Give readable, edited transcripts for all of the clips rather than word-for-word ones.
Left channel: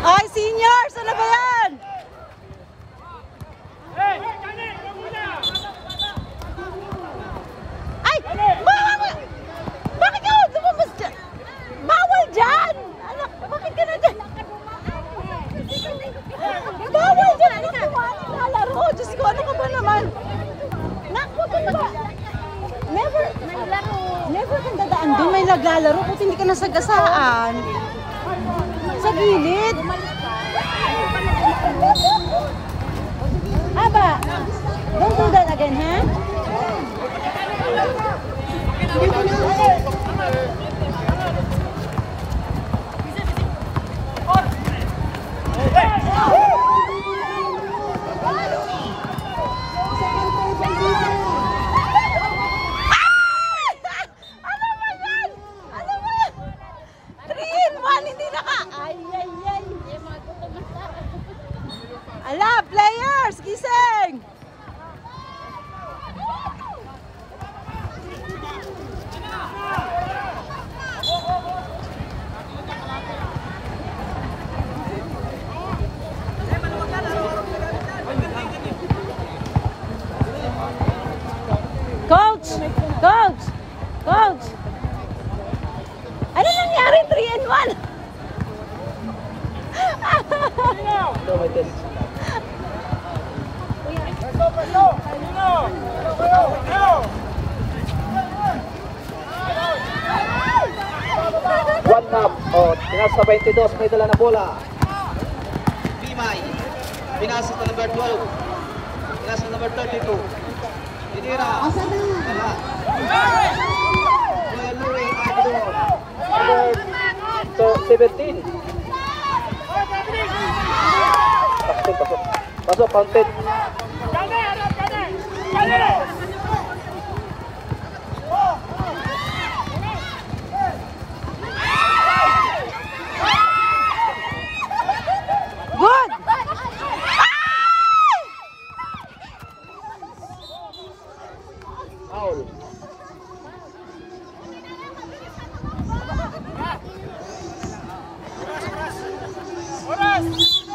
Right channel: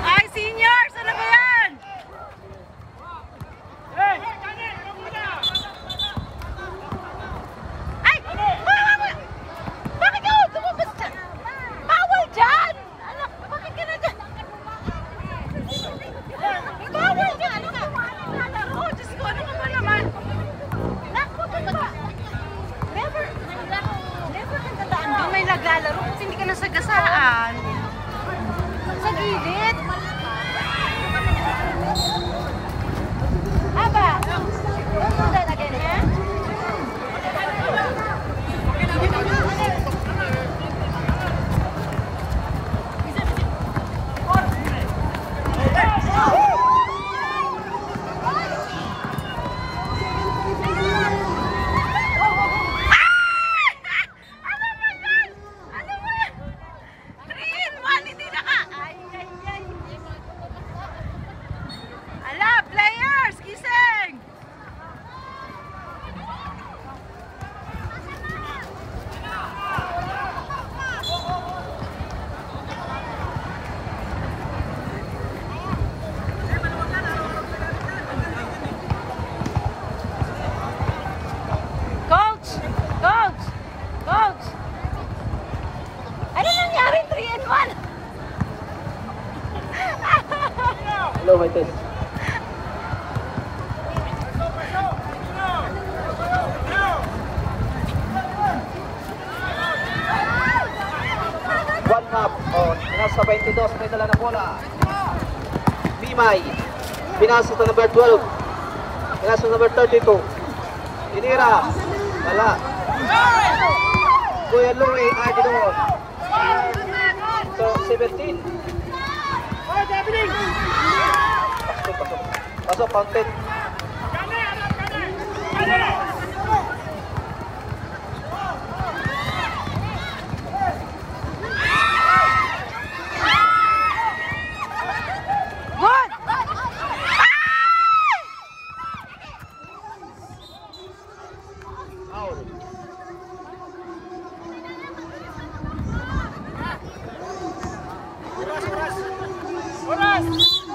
Ay, seniors! Ano ba yan? Ay! Bakit yun? Lumabas ka! Bawal dyan! Bakit ka na dyan? Bawal dyan! Ano ka ba? Nalaro! Diyos ko, ano ka ba naman? Naku, ano ba? Never kang dadaan doon. May naglalaro kung hindi ka nasagasaan. Sa gilid. Aba, don't do that again, ha? Ala, players, gising! Coach! Coach! Coach! Ano nangyari? 3-1? Hello, my test. Nasa 22, may dala na bola. Bimay, pinasa sa number 12. Pinasa sa number 32. Inira, wala. Kuya Louie, Ardidon. Number 17. Pasok, counted. Good!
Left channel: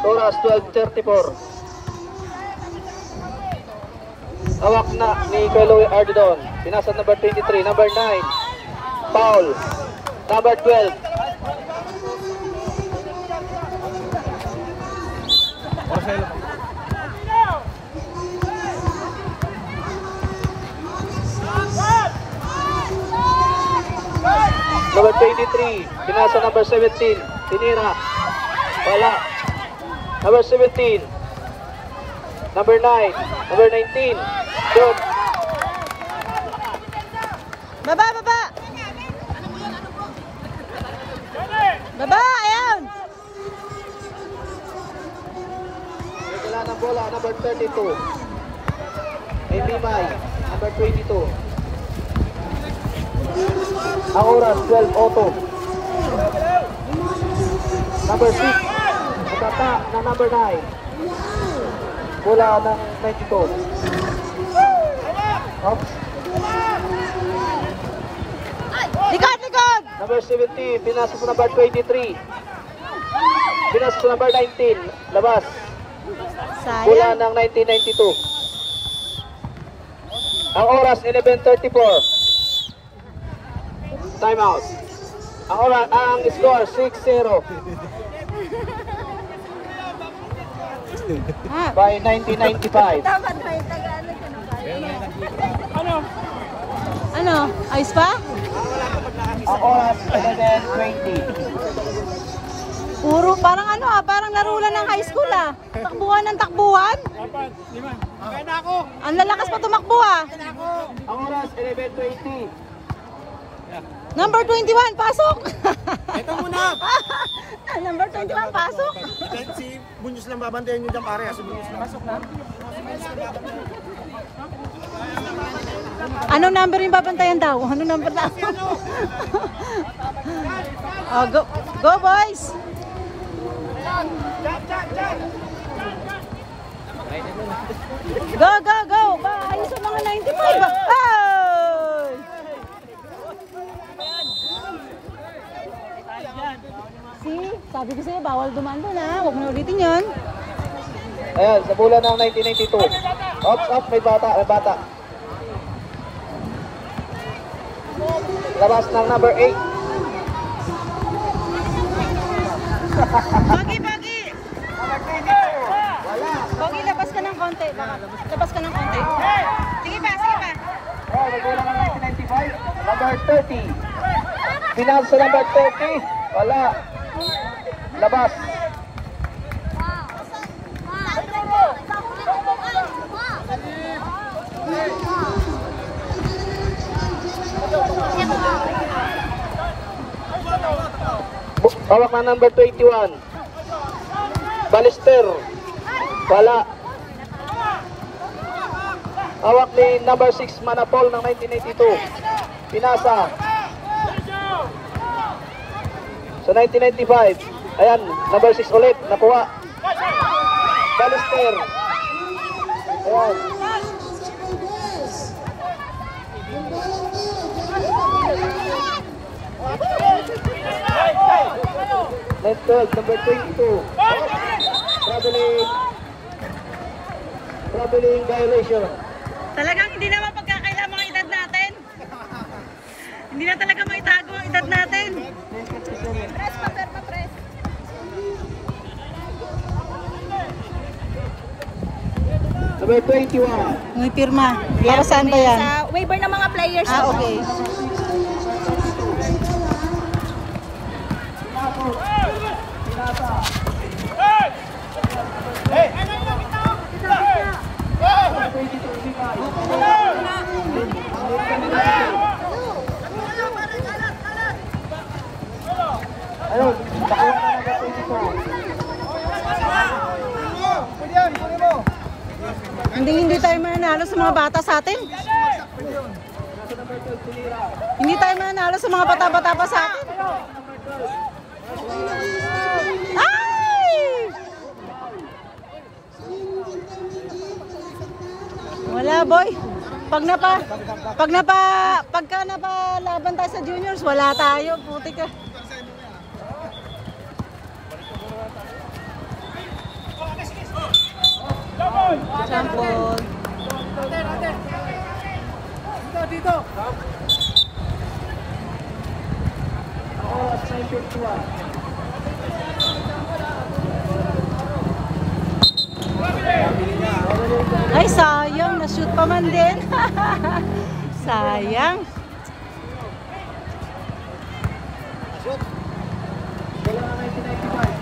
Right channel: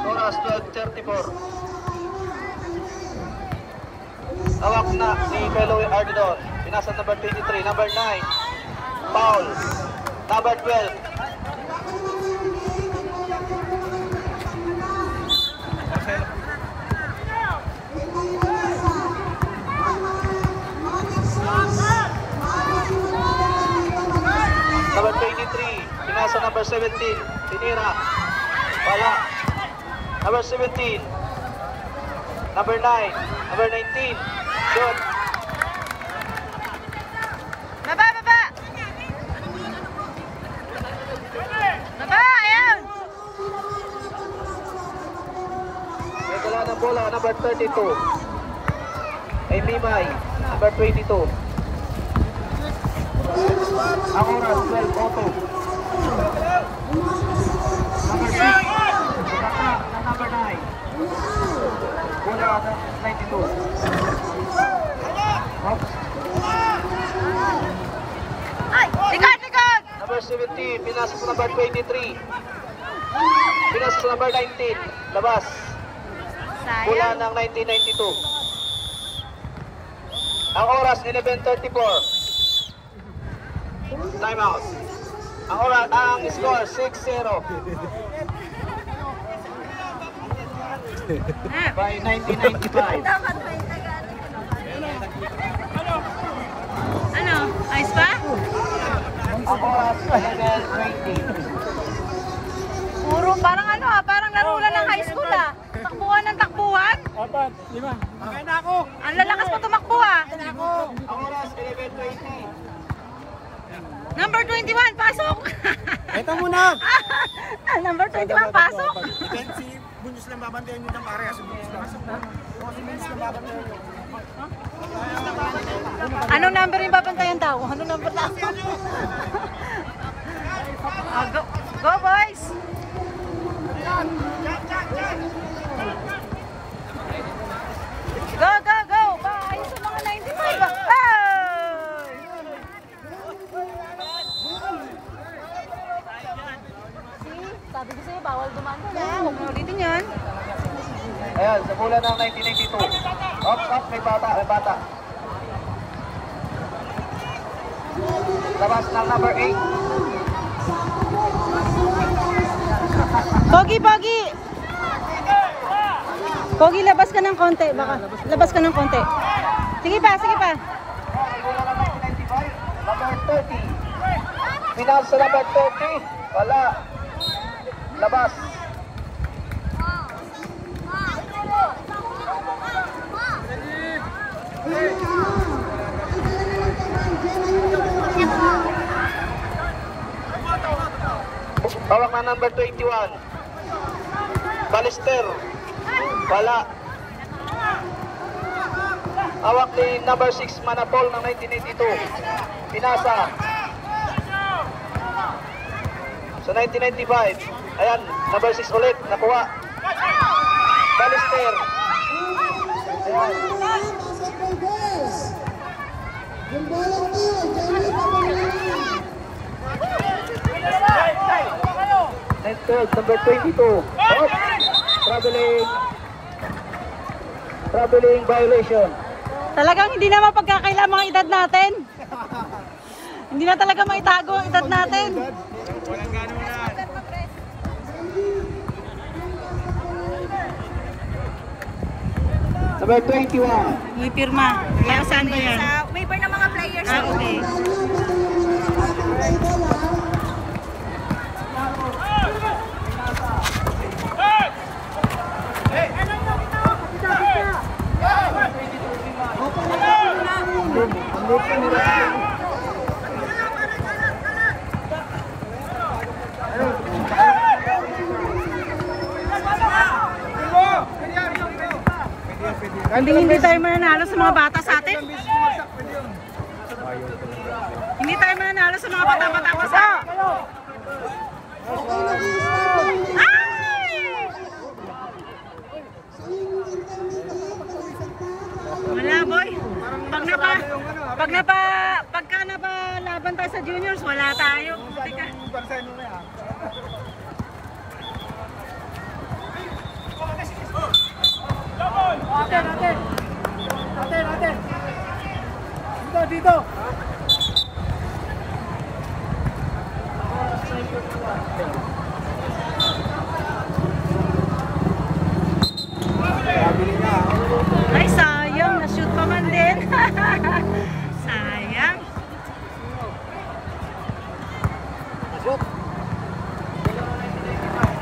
Oras 12:34. Hawak na ni Kuya Ardidon. Pinasa number 23, number 9. Foul. Number 12. Number 23, pinasa number 17. Tinira. Wala. Number 17. Number 9. Number 19. Good. Baba, baba! Baba, ayan! May dala ng bola, number 32. Ay Mimay, number 22. Ang oras, 12:02. Number 6. Magata na number 9. Bola na 92. Up. Ay! Likod, likod! Number 17, binasa sa number 23. Binasa sa number 19. Labas. Bola Sayang. ng 1992. Ang oras, 11:34. Time out. Ang oras, ang score, 6-0. By 1995. Ano? Ayos pa? Ang oras, 11:20. Puro parang ano parang laro lang ng high school Takbuhan ng takbuhan. 4, 5. Okay na ako. Ang lalakas pa tumakbo Okay na ako. Ang oras, 11:20. Number 21, pasok! Ito muna. Number 21, pasok! Then si Bunyos lang babantayan nyo dyan pare. Si Bunyos lang. Pasok na. Si Bunyos lang babantayan nyo. Anong number yung babantayan daw? Anong number na? Oh, go, go boys! Go, go, go! Ayusin mo na 95! Oh! See? Sabi ko sa'yo, bawal dumando na. Huwag mo ulitin yan. Ayan, sa bola ng 1992. Ops, may bata, Labas ng number 8. Pogi, Pogi! Pogi, labas ka ng konti. Labas ka ng konti. Sige pa, sige pa. Number 30. Final sa number 30. Wala. Labas. Hawak ang number 21. Balister. Wala. Hawak ni number 6 Manapol ng 1982. Pinasa. Sa 1995. Ayan, number 6 ulit. Nakuha. Balister. Ayan. Network number 22. Oh, traveling violation. Talagang hindi na mapagkakaila mga edad natin. Hindi na talaga maitago ang edad natin. Number 21. May pirma. Para saan ba yan? Sa waiver ng mga players. Ah, okay. Ayun, bakalan ng number 22. Hindi tayo mananalo sa mga bata sa atin. Hindi tayo mananalo sa mga bata-bata pa sa... Ay! Wala boy. Pagka napalaban tayo sa juniors, wala tayo. Puti ka. Champon. Dito. Ay, sayang. Na-shoot pa man din. Sayang.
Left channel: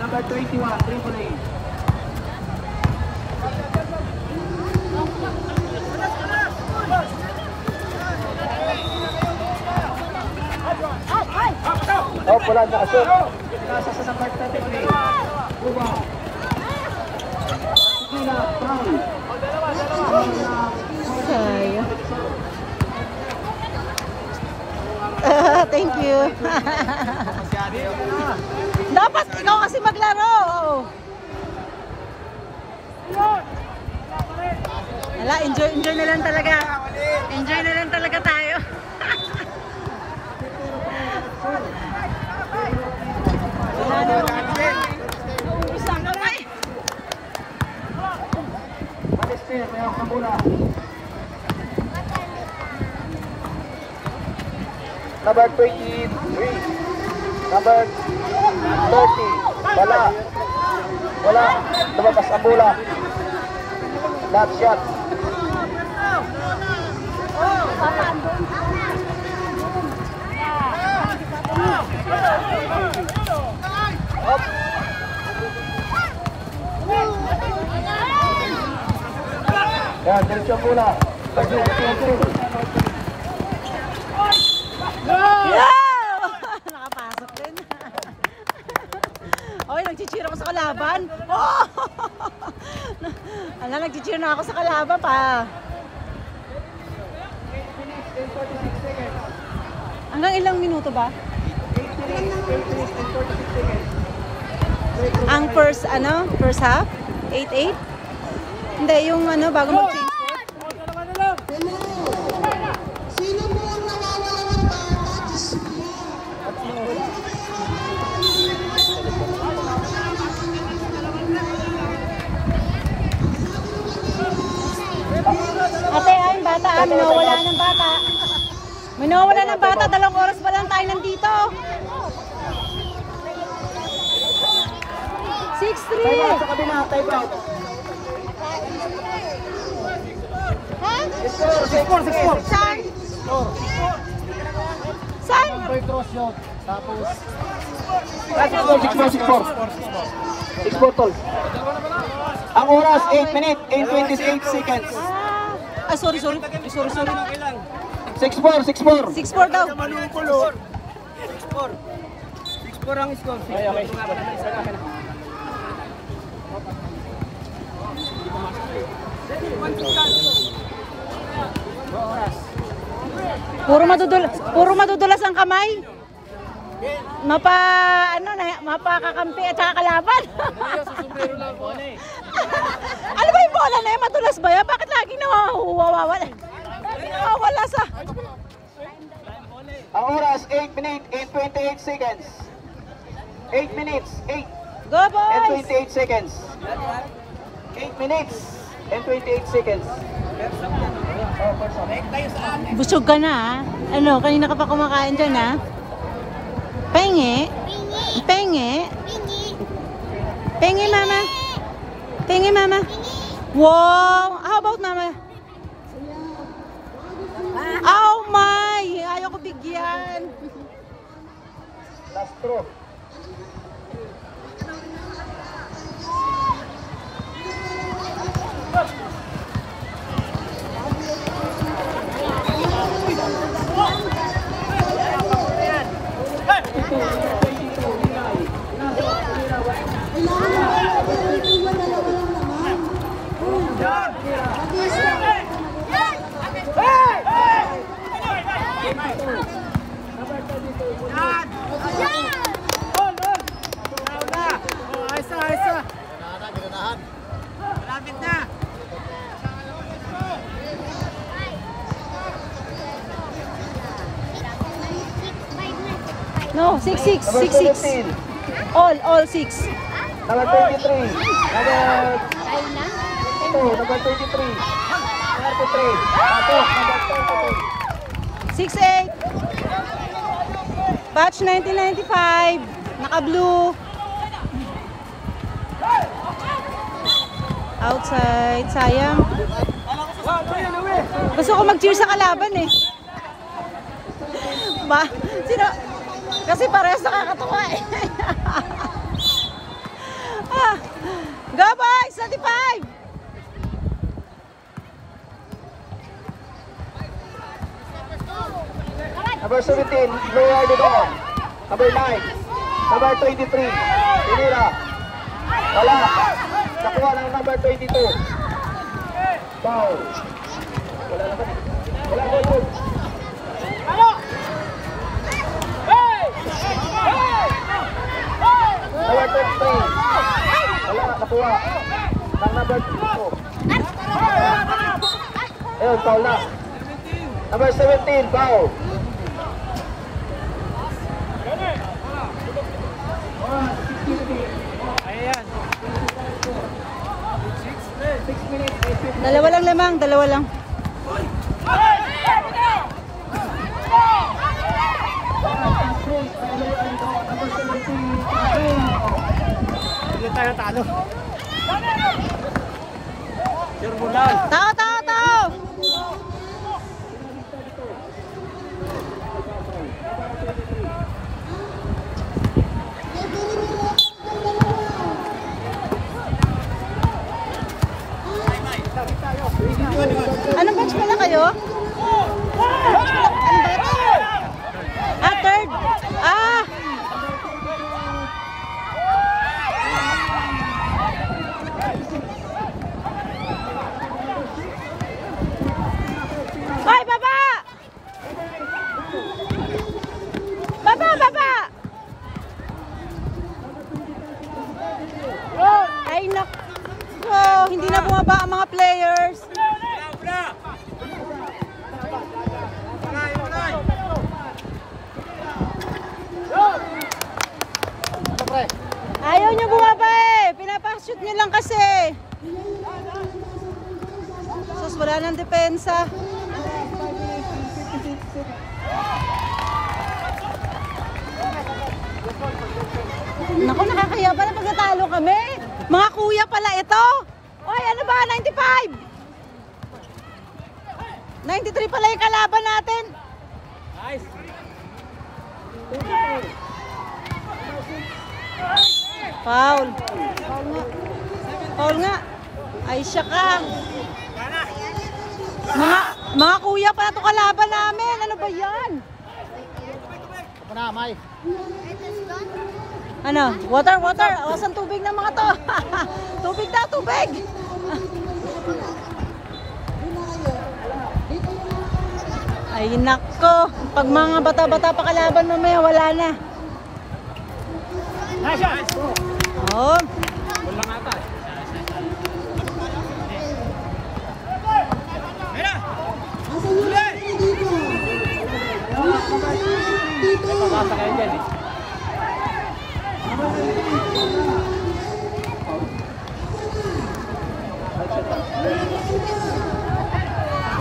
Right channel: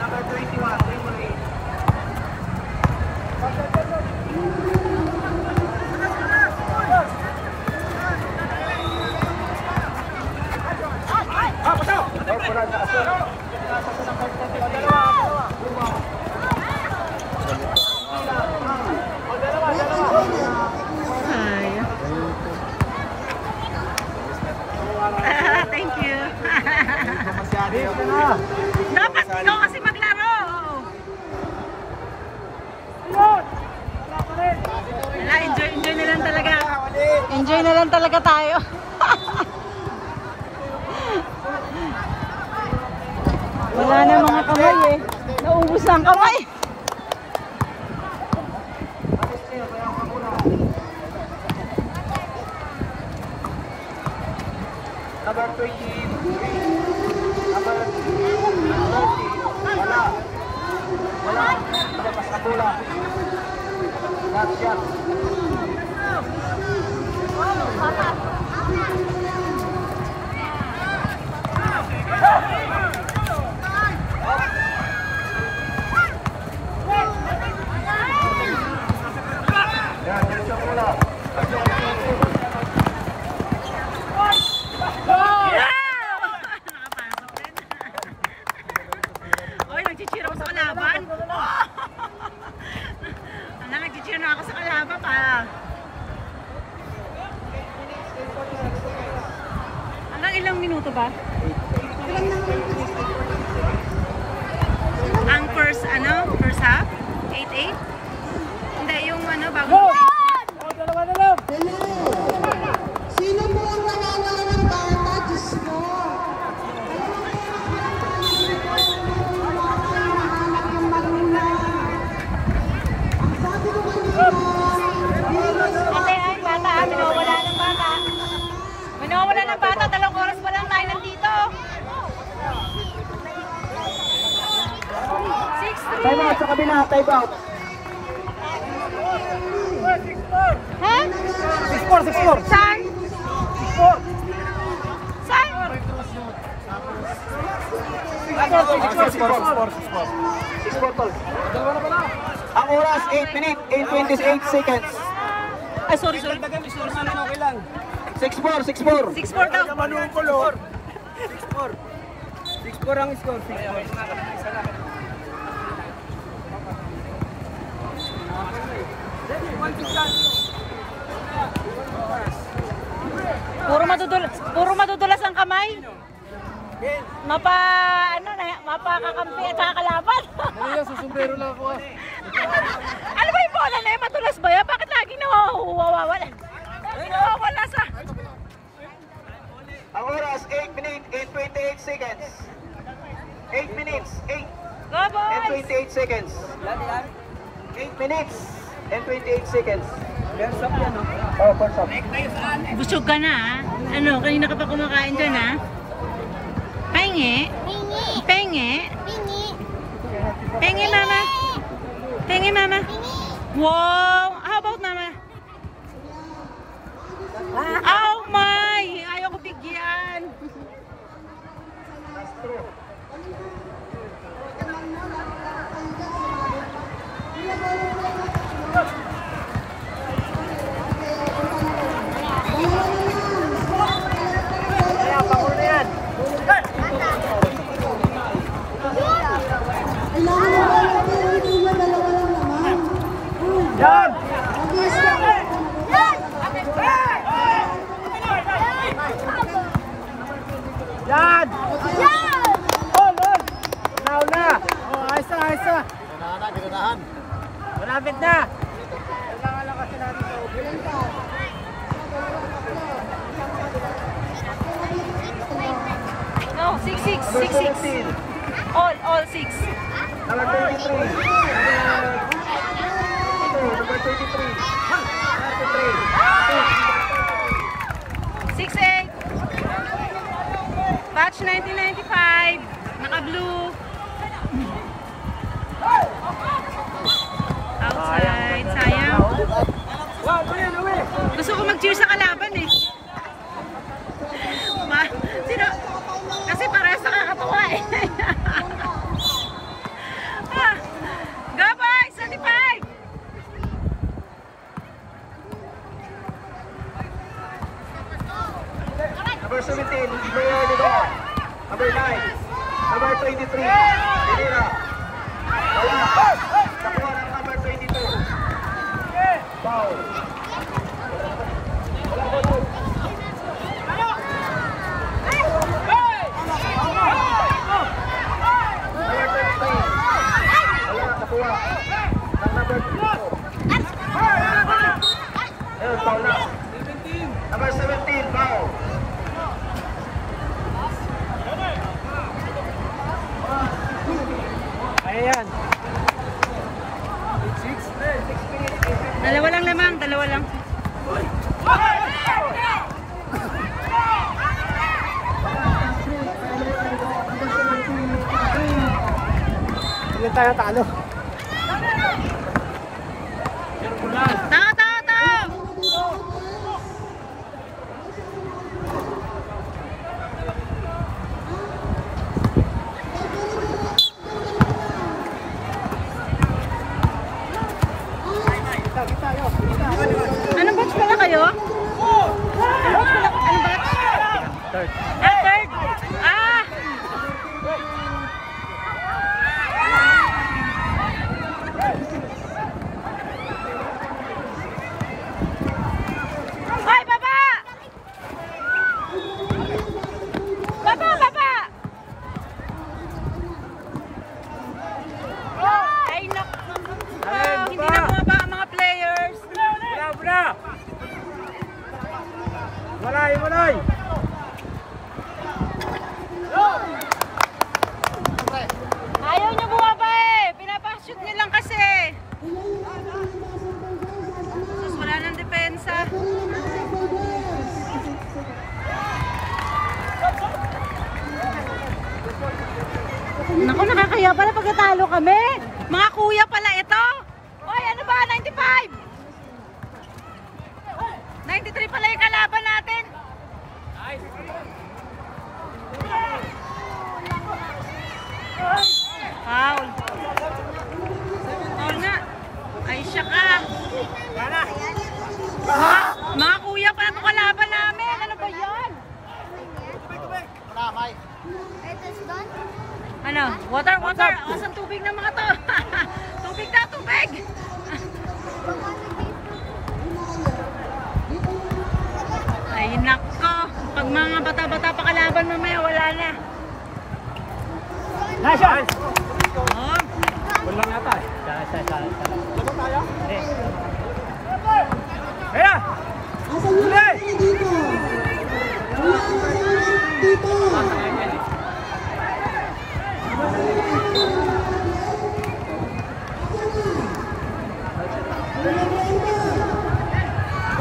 Number 21. Oh, wala na kasi. Sayang. Thank you. Dapat ikaw kasi maglaro. Wala, enjoy na lang talaga. Enjoy na lang talaga tayo. Wala na mga kamay eh. Naubos ang kamay. Number 23. Number 30. Wala. Lumabas ang bola. Bad shot. Up. Yan, diretso bola. Yeah! Nakapasok din. Oy, nag-cheer ako sa kalaban. Oh! Ala, nag-cheer na ako sa kalaban pa. Hanggang ilang minuto ba? Ang first half? 8-8? Hindi, yung bago mag-change. Minawala ng bata, 2 oras pa lang tayo nandito. 6-3. Time out sa kabina, time out. Ha? 6-4. Saan? Saan? 6-4 tol. Ang oras, 8 minutes and 28 seconds. Ay, sorry. 6-4. 6-4 daw. Manungkulo. 6-4 ang score. 6-4. Puro madudulas ang kamay. Mapakakampi at saka kalaban. Ano ba yung bola na yan? Madulas ba yan? Bakit laging nawawala? Nawawala sa... Ang oras, 8 minutes and 28 seconds. 8 minutes, 8 Go and boys! 28 seconds. 8 minutes and 28 seconds. Oh, first up. Busog ka na ha? Ano, kanina ka pa kumakain dyan ha? Penge? Penge? Penge mama? Penge mama? Wow! How about mama? Oh my! Ayaw ko bigyan! Last throw. Dad! Now na! Ayos na! Malapit na! No, 6-6. Number 6-6. 17. All 6. Number 23. Number 23. 33. Patok, number 23. 6-8. Batch 1995. Naka-blue. Outside. Sayang. Gusto ko mag-cheer sa kalaban eh. Kasi parehas nakakatawa eh. Go boys! 35! Number 17, Gloria Didon. Number 9, number 23, Inira. Wala. Nakuha ng number 22. Number 23. Wala, nakuha. Ng number 22. Eh, foul na. Number 17, foul. Ayan. Dalawa lang lamang, dalawa lang. Hindi tayo talo. Tao! lang kasi. Sus, wala nang depensa. Naku, nakakaya pala pag natalo kami. Mga kuya pala ito. Ay, ano ba? 95. 93 pala yung kalaban natin. Foul. Foul nga. Ay, siya ka. Mga kuya pala ito kalaban namin. Ano ba yan? Ano? Water, water. O, saan tubig ng mga to? Tubig na, tubig. Ay, nako. Pag mga bata-bata pa kalaban mamaya, wala na. Oh.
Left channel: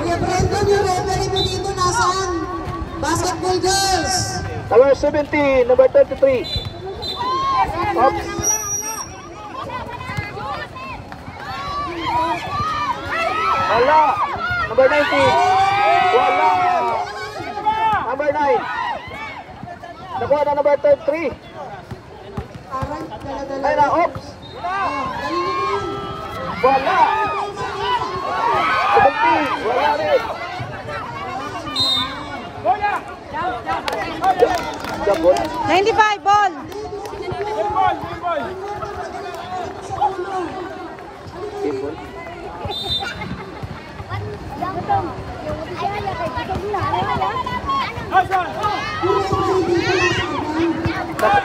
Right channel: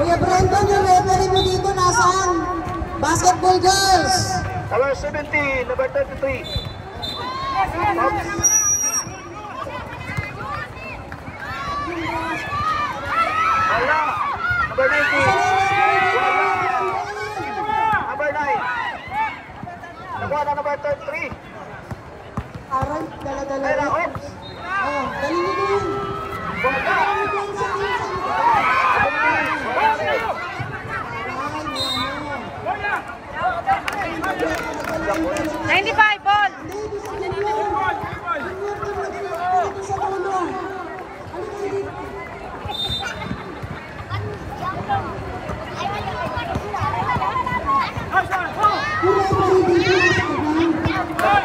Kuya Brandon, yung referee mo dito, nasaan? Basketball girls! Number 17, number 33. Oops. Wala. Number 19. Wala. Number 9. Number 33. Aray, dala-dala. Ay na, oops. Oh, galing nyo yun. Wala. 17. Wala rin. Gabon. 95 ball.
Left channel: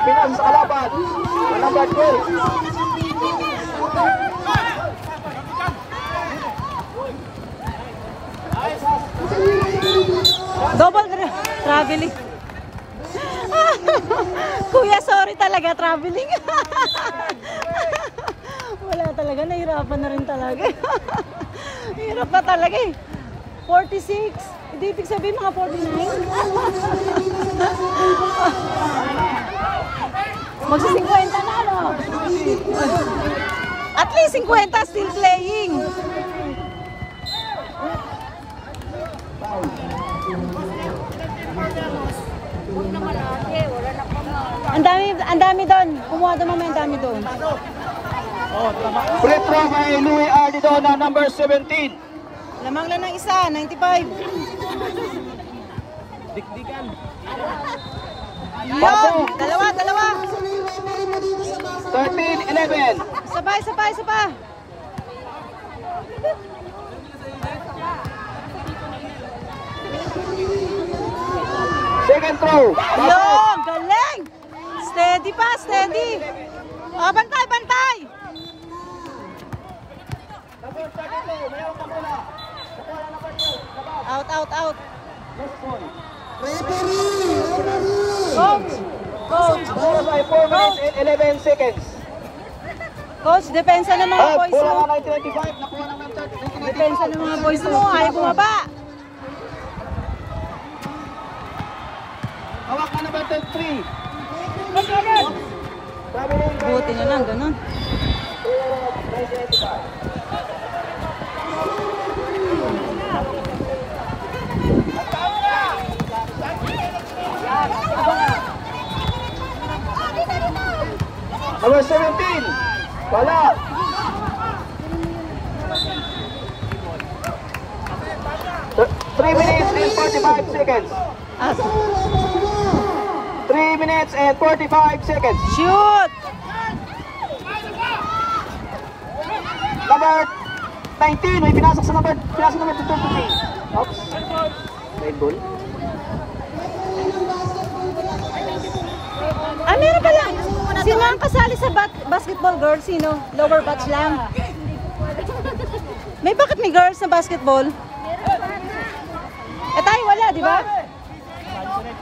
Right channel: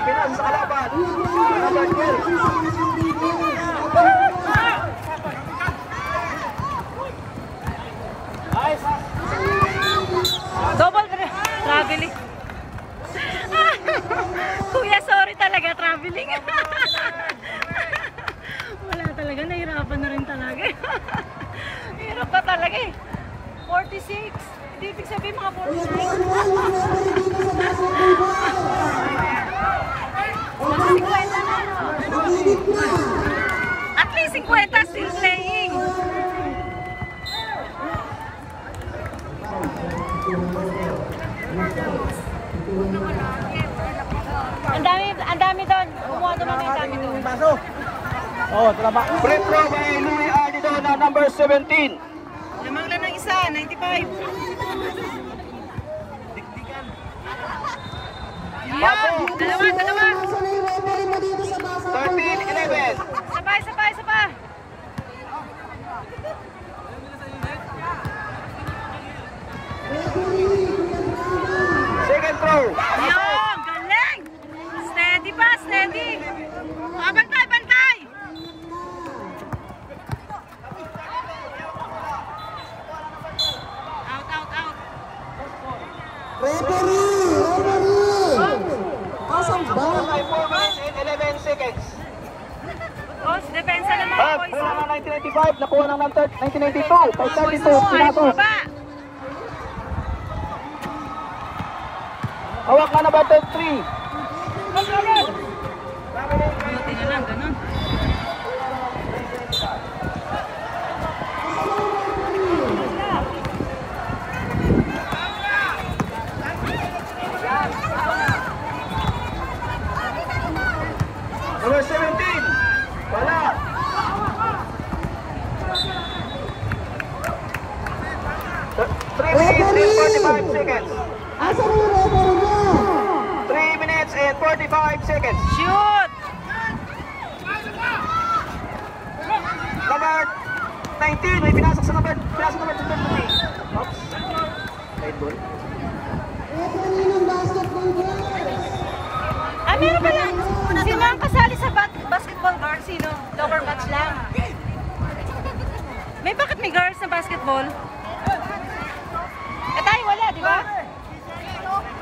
Pinas sa kalaban. Kalaban ko. Double traveling. Kuya, sorry talaga, traveling. Wala talaga, nahirapan na rin talaga. Hirap pa talaga eh. 46. Hindi ibig sabihin mga 46. Magsi-50 na, no? At least 50 still playing. Ang dami doon. Kumuha doon naman yung dami doon. Free throw kay Louie Ardido na number 17. Lamang na ng isa, 95. Yun! Dalawa! 13-11. Sabay! Second throw. Yun! Galing! Steady pa, steady! Oh, bantay! Out! Referee! Kasang ba? 11 seconds. Coach, depensa ng mga boys. Pula ng 1995, nakuha ng 1992. Boys mo, ayaw bumaba. Hawak na number 33. Buti na lang, ganun. Number 17. Wala. So, 3 minutes and 45 seconds. 3 minutes and 45 seconds. Shoot! Number 19, may pinasok sa number 23. Oops. Red ball. Meron pala. Sino ang kasali sa basketball girls? Sino? Lower batch lang. Bakit may girls na basketball? Tayo wala, di ba?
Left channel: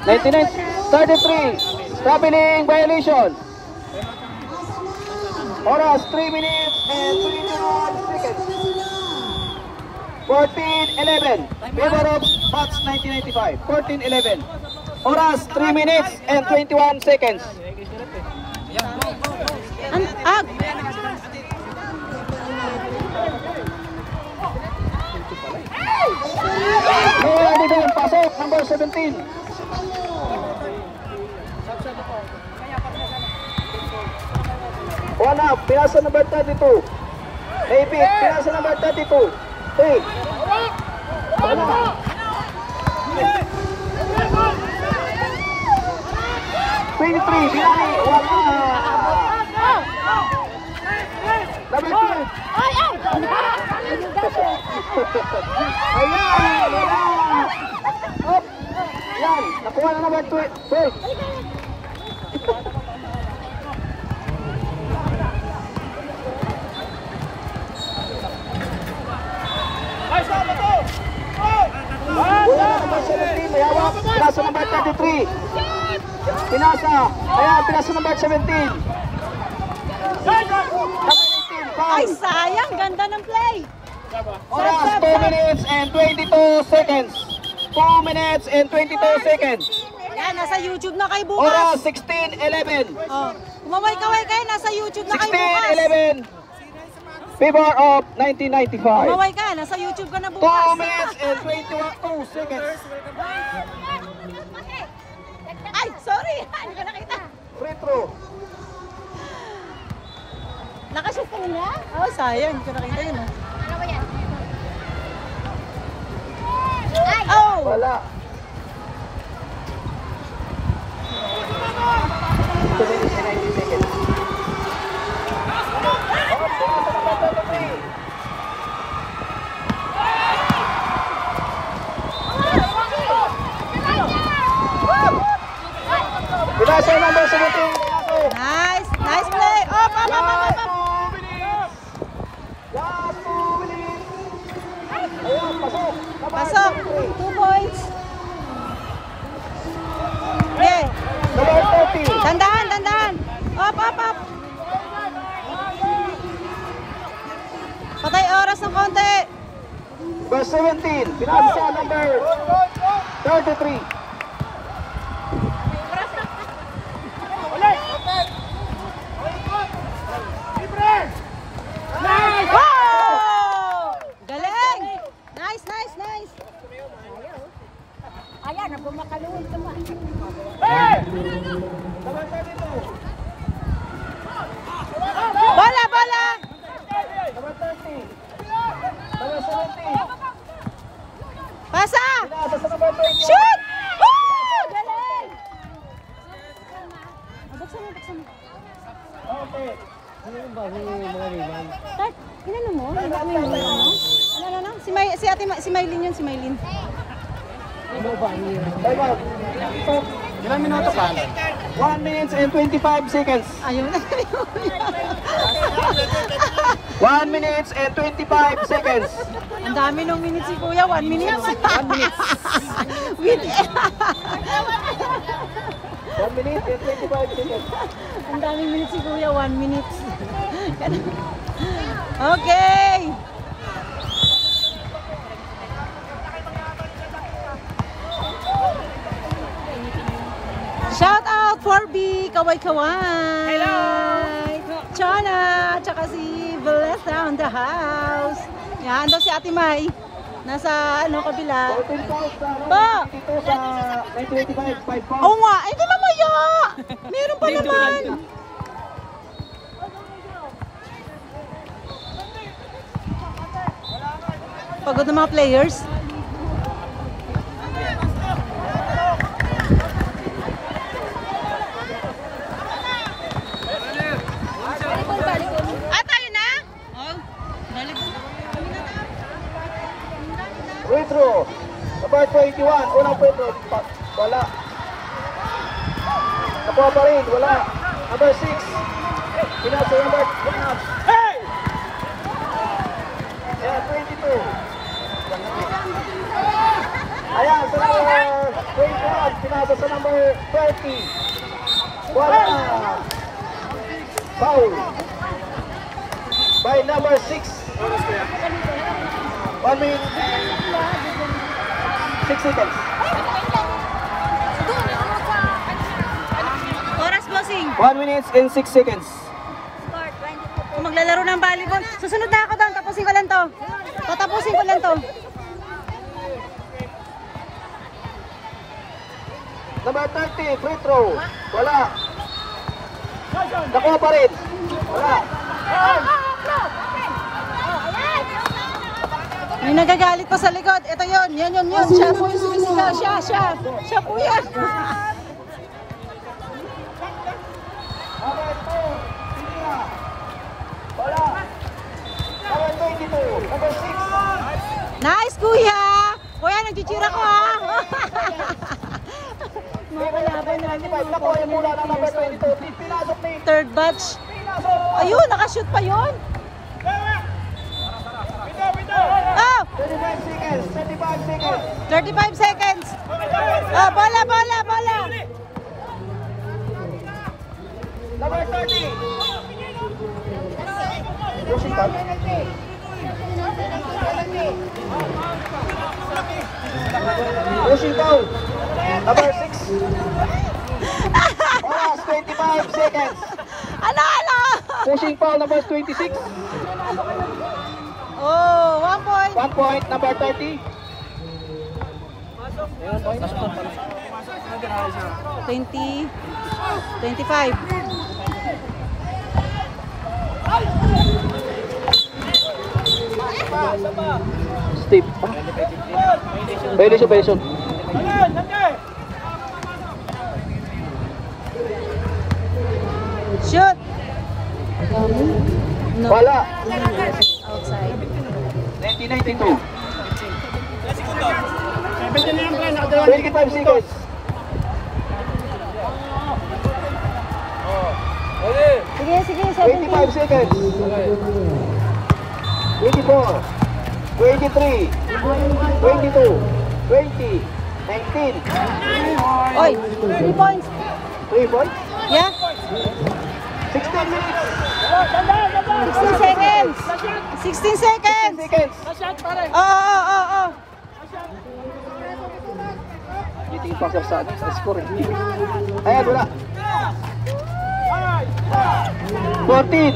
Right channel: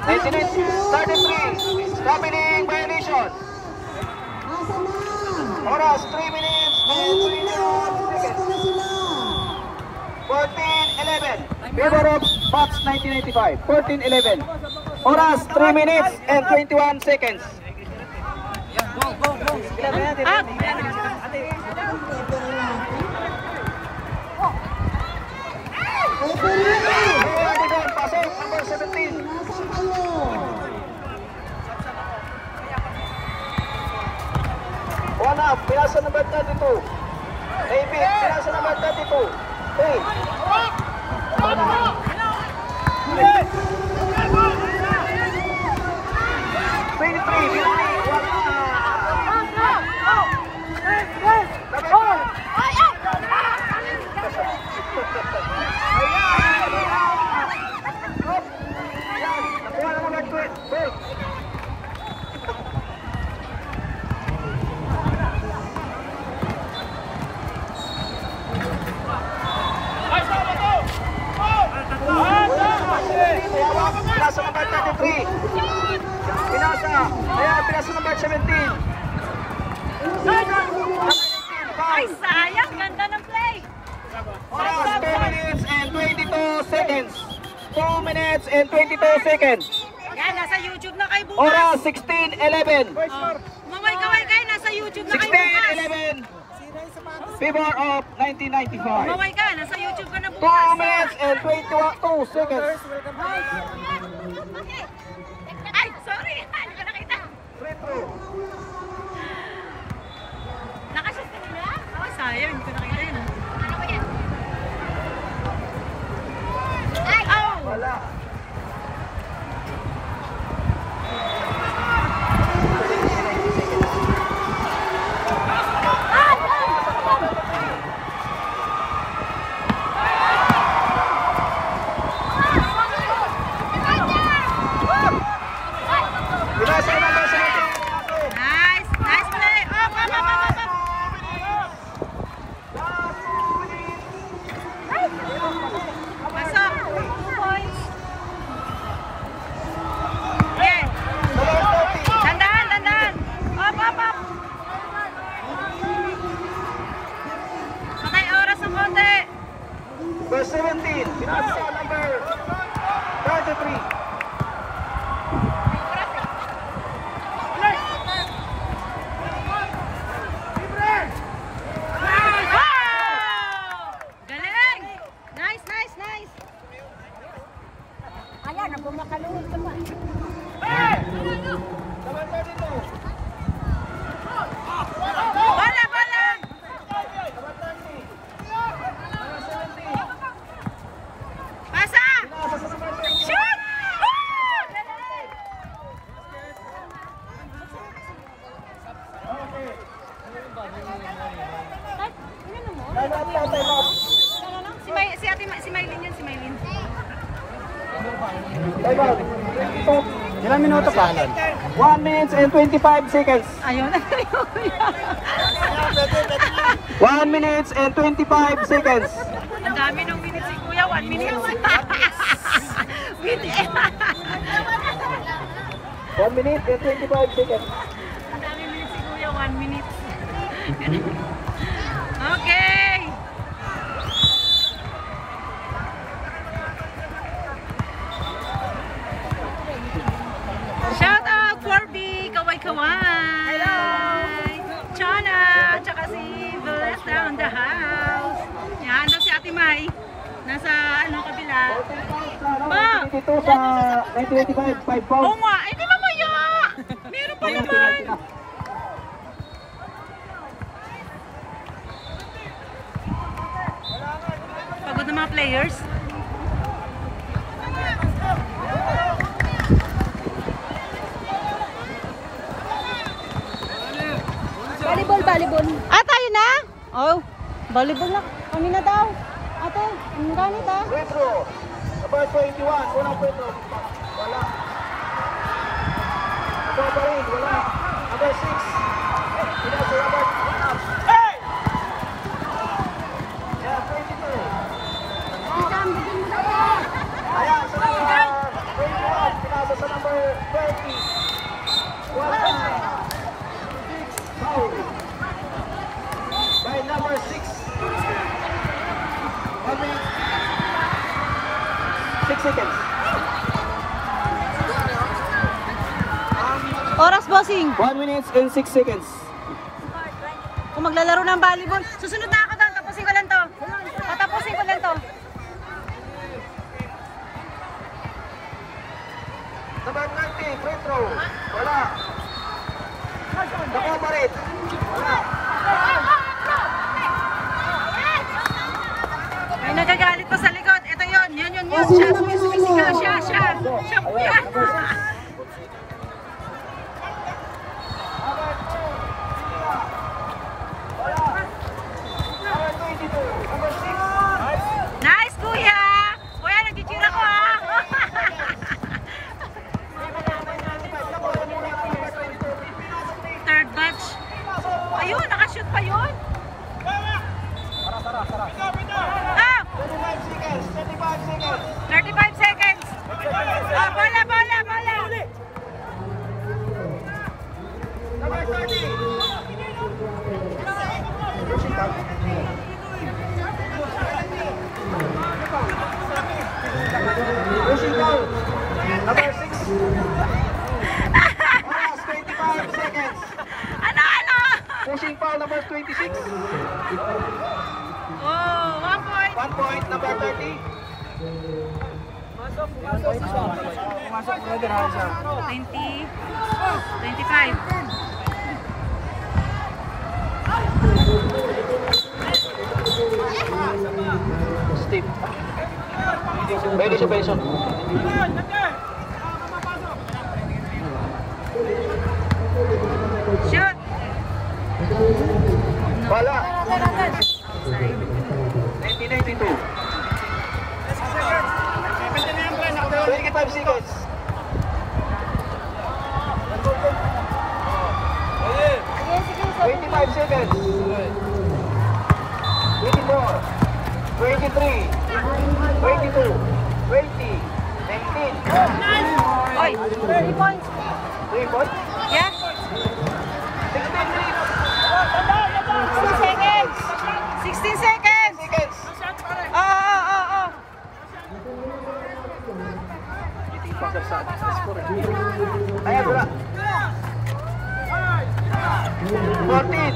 19-33. Traveling violation. Oras 3 minutes and Mainit na oh. Kompleto na sila. 14-11. Favor of Max 1995. 14-11. Oras 3 minutes and 21 seconds. Up! Ngayon din pasok, number 17. Wala, pinasa number 32. Maybe, pinasa number 32. Hey. Wala. 23, Biani, wala. Ayan, nakuha na naman 12. Pinasa number 33. Pinasa. Ayan, pinasa number 17. Ay, sayang. Ganda ng play. Oras 2 minutes and 22 seconds. 2 minutes and 22 seconds. Yan, nasa YouTube na kayo bukas. Oras 16:11. Oh. Kumaway-kaway kayo, nasa YouTube na kayo bukas. 16:11. Favor of 1995. Kumaway ka, nasa YouTube ka na 2 bukas. minutes and 22 seconds. Ay, sorry. Hindi ko nakita. Free throw. Nakashoot ko na? Oh, sayang. Hindi ko nakita yun. Oh! Wala. Pinasa number 17. Nice! Nice play! Up, up, up, up, up, up. Pasok! 2 points! Okay! Dandahan, dandahan! Up, up, up! Patay oras ng konti! Verse 17. Pinasa number 33. Wow! Galing! Nice, nice, nice! Ayan, nagmamakaluhod ka pa. Bola, bola! Pasa! Shoot! Woo! Galing! Si Maylin yun, si Maylin. Time out. Ilang minuto pa? 1 minute and 25 seconds. Ayaw na. 1 minute and 25 seconds. Ang dami ng minutes si Kuya, 1 minute. 1 minute and 25 seconds. Ang dami minutes si Kuya, 1 minute. Okay! Shout out for B, kaway-kaway! Hello! Chana, tsaka si Bless down the house. Yan, daw si Ate May. Nasa ano kabila. Ba? Ito sa 1925, 5 pounds. Oo nga, hindi mamaya! Meron pa naman! Pagod ng mga players. Ah, tayo na? Oh, volleyball na. Kami na daw. Ate, kami daw nito. Free throw. Number 21. Unang photo. Wala. Nakuha pa rin. Wala. Number 6. Pinasa number 22. Ayan, 22. Ayan, sa number 21. Pinasa sa number 30. Wala. Foul. By number 6 seconds. Oras, bossing. 1 minute and 6 seconds. Kung maglalaro ng volleyball, susunod na ako doon. Tapusin ko lang to. Tatapusin ko lang to. Number 30, free throw. Wala. Nakuha pa rin. Wala. Yung nagagalit pa sa likod. Ito yun. Yan. Siya po yung sumisigaw. Siya po yan. Nice, kuya! Kuya, nag-cheer ako, ha? Mga kalaban namin. Nakuha yung mula ng number 22. Pinasok ni Third batch. Ayun, nakashoot pa yun. Oh! 35 seconds. Oh, bola. number 30. Pushing foul. Number 6. Oras, 25 seconds. Ano? Pushing foul, number 26. Oh, 1 point. 1 point, number 30. 20, 25. Steve. Pwede siya. Shoot. No. Wala. Outside. 1992. 25 seconds. Sige. 25 seconds. 24. 23. 22. 20. 19. Oy, 3 points. 3 points. Yeah. 16 seconds. 16 seconds. Oh. Meeting pa sa score. Ayan, wala. 14.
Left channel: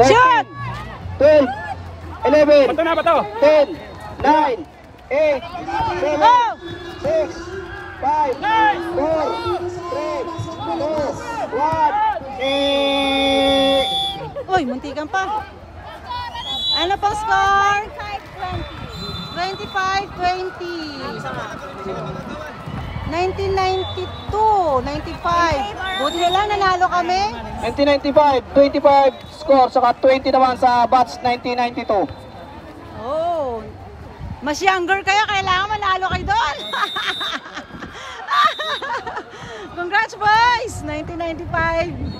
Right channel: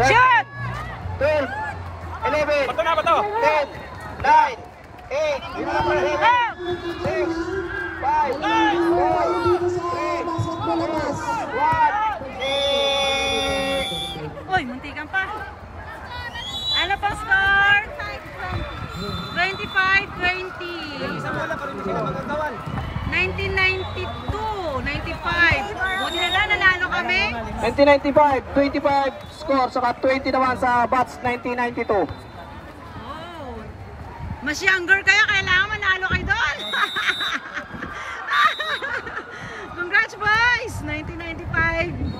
13. Shoot. 12. 11. 10. 9. 8. 6. 5. 4. 3. 2. 1. Uy, muntikan pa. Ano po score? 25-20. 1992, 95. Buti na lang nanalo kami. 1995, 25 score, saka 20 naman sa batch 1992. Oh, mas younger kayo, kailangan manalo kayo doon. Congrats boys! 1995.